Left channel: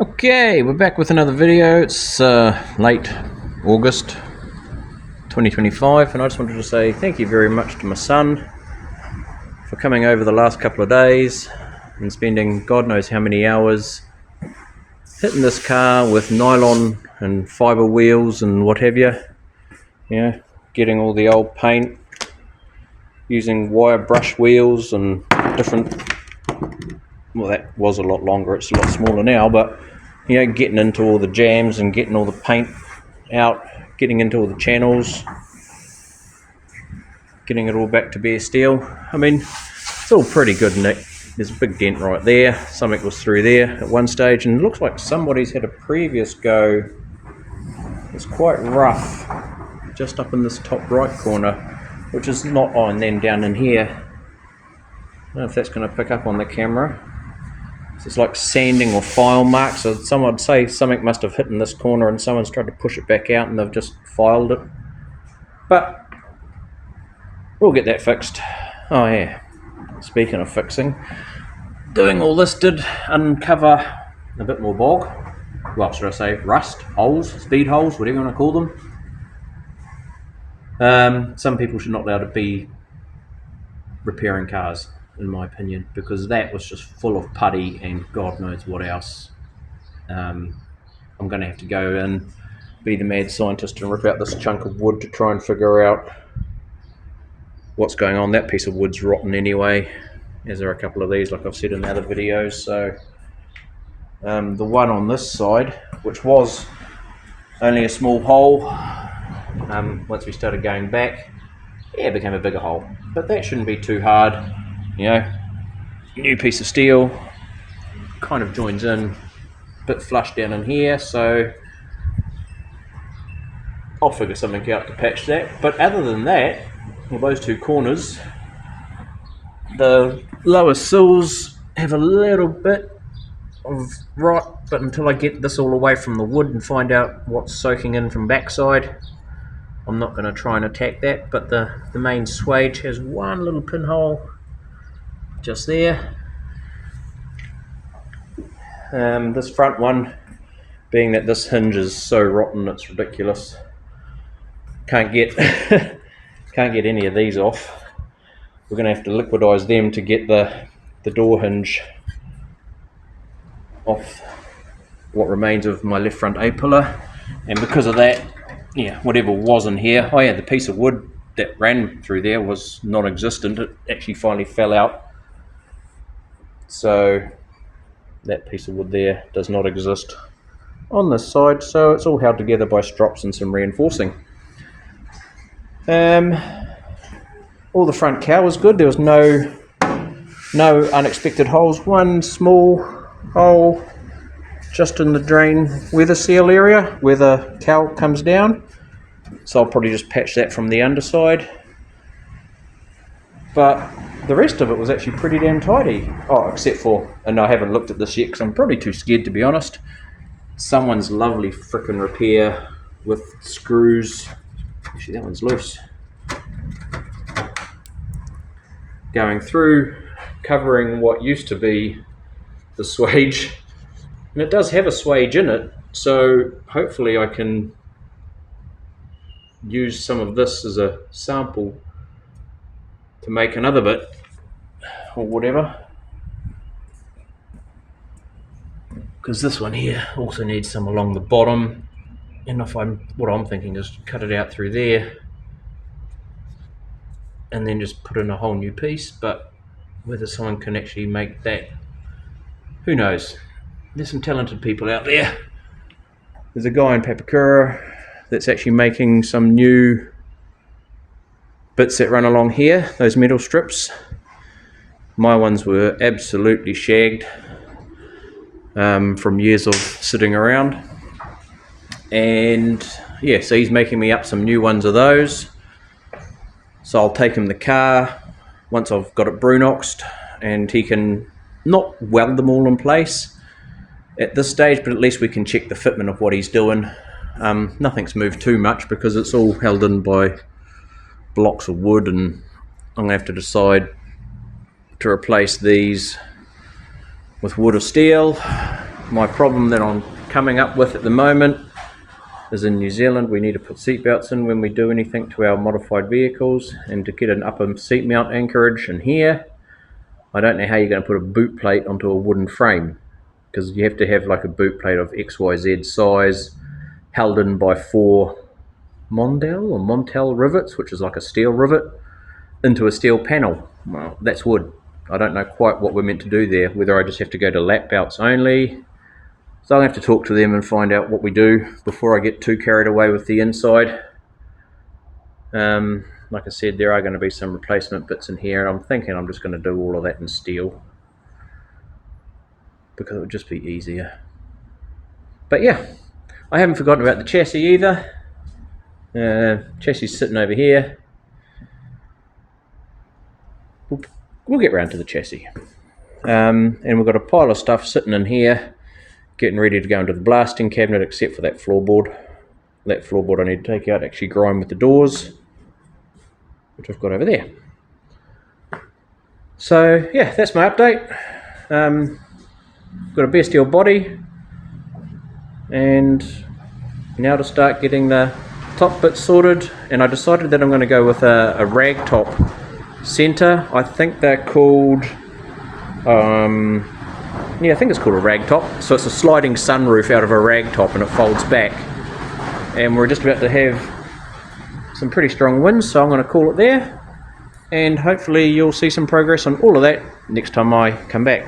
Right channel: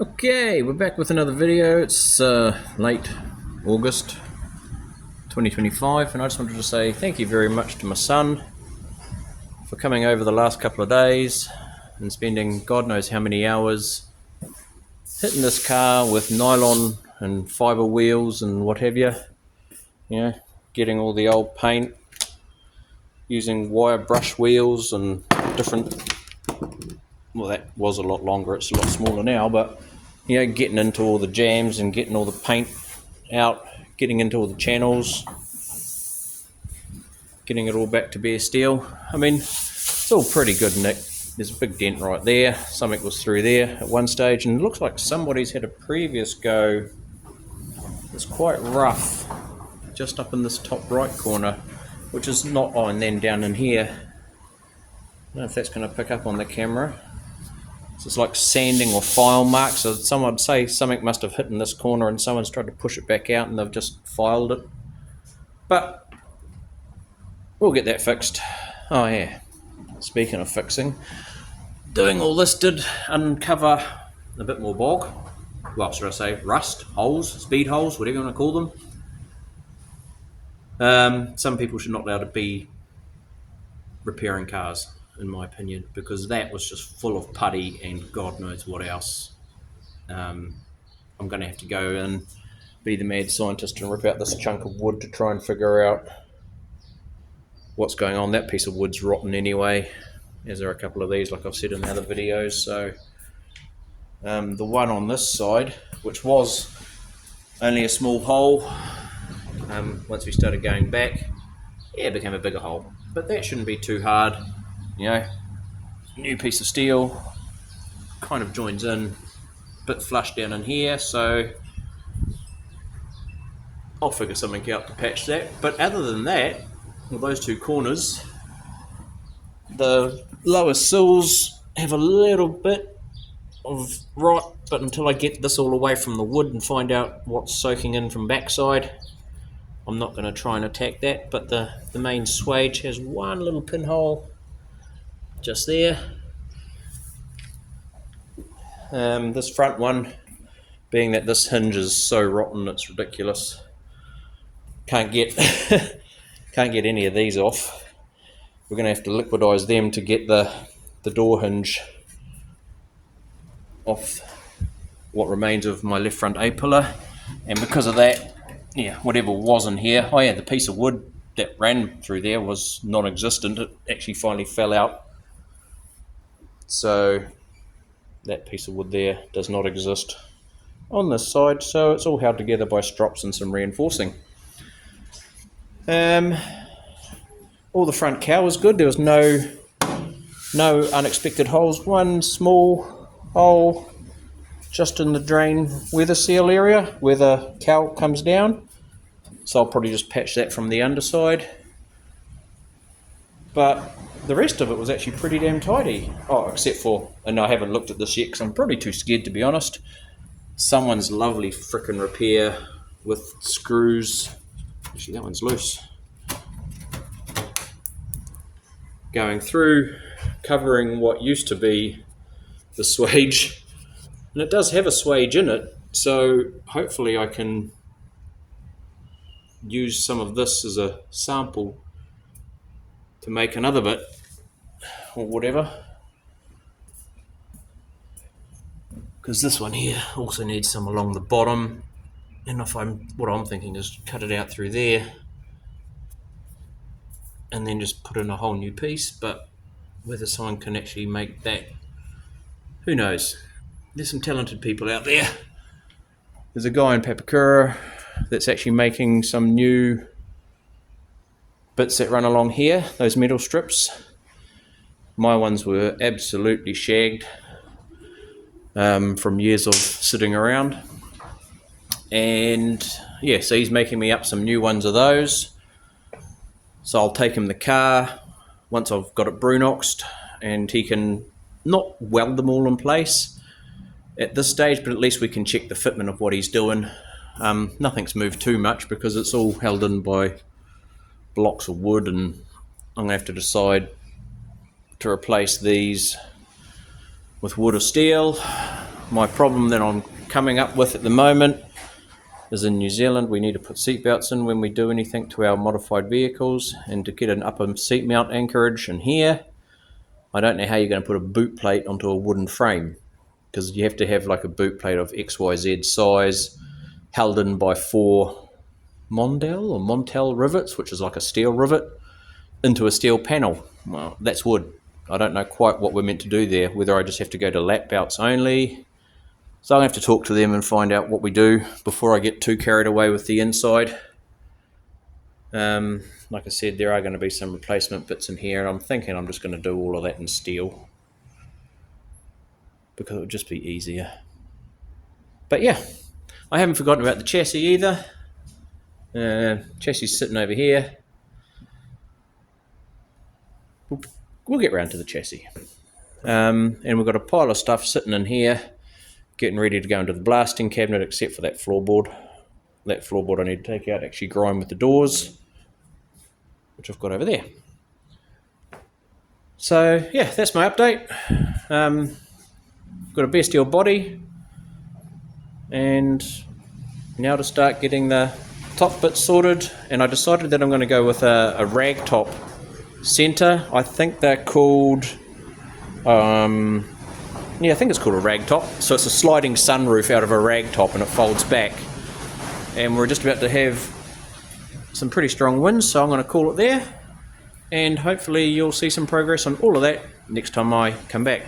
Okay, we're back with another video. It's late August 2025, and I just wanted to say thank you very much to my son for coming over the last couple of days and spending God knows how many hours hitting this car with nylon and fibre wheels and what have you. You know, getting all the old paint, using wire brush wheels and different. Well, that was a lot longer, it's a lot smaller now, but you know, getting into all the jams and getting all the paint out, getting into all the channels, getting it all back to bare steel. I mean, it's all pretty good, Nick. There's a big dent right there. Something was through there at one stage, and it looks like somebody's had a previous go. It's quite rough, just up in this top right corner, which is not on, and then down in here. I don't know if that's going to pick up on the camera. It's like sanding or file marks. So someone would say something must have hit in this corner and someone's tried to push it back out and they've just filed it. But we'll get that fixed. Oh yeah, speaking of fixing, doing all this did uncover a bit more bog. Well, should I say rust, holes, speed holes, whatever you want to call them. Some people should not be allowed to be repairing cars, in my opinion, because that was just full of putty and God knows what else. I'm going to have to go and be the mad scientist and rip out this chunk of wood to try and figure out what's going on. That piece of wood's rotten anyway, as are a couple of these, like I've said in other videos. So the one on this side, which was only a small hole, once we started going back, it became a bigger hole. But that shouldn't be too hard. You know, new piece of steel, kind of joins in, bit flush down in here, so I'll figure something out to patch that. But other than that, well, those two corners, the lower sills have a little bit of rot, but until I get this all away from the wood and find out what's soaking in from backside, I'm not going to try and attack that. But the main swage has one little pinhole just there. This front one, being that this hinge is so rotten it's ridiculous, can't get can't get any of these off. We're going to have to liquidize them to get the door hinge off what remains of my left front A-pillar, and because of that, yeah, whatever was in here, oh yeah, the piece of wood that ran through there was non-existent. It actually finally fell out, so that piece of wood there does not exist on this side, so it's all held together by strops and some reinforcing. All the front cowl was good. There was no unexpected holes. One small hole just in the drain weather seal area where the cowl comes down, so I'll probably just patch that from the underside. But the rest of it was actually pretty damn tidy. Oh, except for, and I haven't looked at this yet because I'm probably too scared to be honest, someone's lovely frickin' repair with screws. Actually, that one's loose. Going through, covering what used to be the swage, and it does have a swage in it, so hopefully I can use some of this as a sample to make another bit or whatever, because this one here also needs some along the bottom, and what I'm thinking is cut it out through there and then just put in a whole new piece. But whether someone can actually make that, who knows. There's some talented people out there. There's a guy in Papakura that's actually making some new bits that run along here, those metal strips. My ones were absolutely shagged from years of sitting around, and yeah, so he's making me up some new ones of those. So I'll take him the car once I've got it brunoxed, and he can not weld them all in place at this stage, but at least we can check the fitment of what he's doing. Nothing's moved too much because it's all held in by blocks of wood, and I'm going to have to decide to replace these with wood or steel. My problem that I'm coming up with at the moment is in New Zealand we need to put seatbelts in when we do anything to our modified vehicles, and to get an upper seat mount anchorage in here, I don't know how you're going to put a boot plate onto a wooden frame, because you have to have like a boot plate of XYZ size held in by 4 Montel rivets, which is like a steel rivet, into a steel panel. Well, that's wood. I don't know quite what we're meant to do there, whether I just have to go to lap belts only. So I'm going to have to talk to them and find out what we do before I get too carried away with the inside. Like I said, there are going to be some replacement bits in here, and I'm thinking I'm just going to do all of that in steel, because it would just be easier. But yeah, I haven't forgotten about the chassis either. Chassis sitting over here. We'll get round to the chassis. And we've got a pile of stuff sitting in here, getting ready to go into the blasting cabinet, except for that floorboard. That floorboard I need to take out, actually grind with the doors, which I've got over there. So yeah, that's my update. Got a bare steel body, and now to start getting the top bits sorted. And I decided that I'm going to go with a rag top center. I think they're called I think it's called a rag top. So it's a sliding sunroof out of a rag top, and it folds back, and we're just about to have some pretty strong winds, so I'm going to call it there, and hopefully you'll see some progress on all of that next time I come back.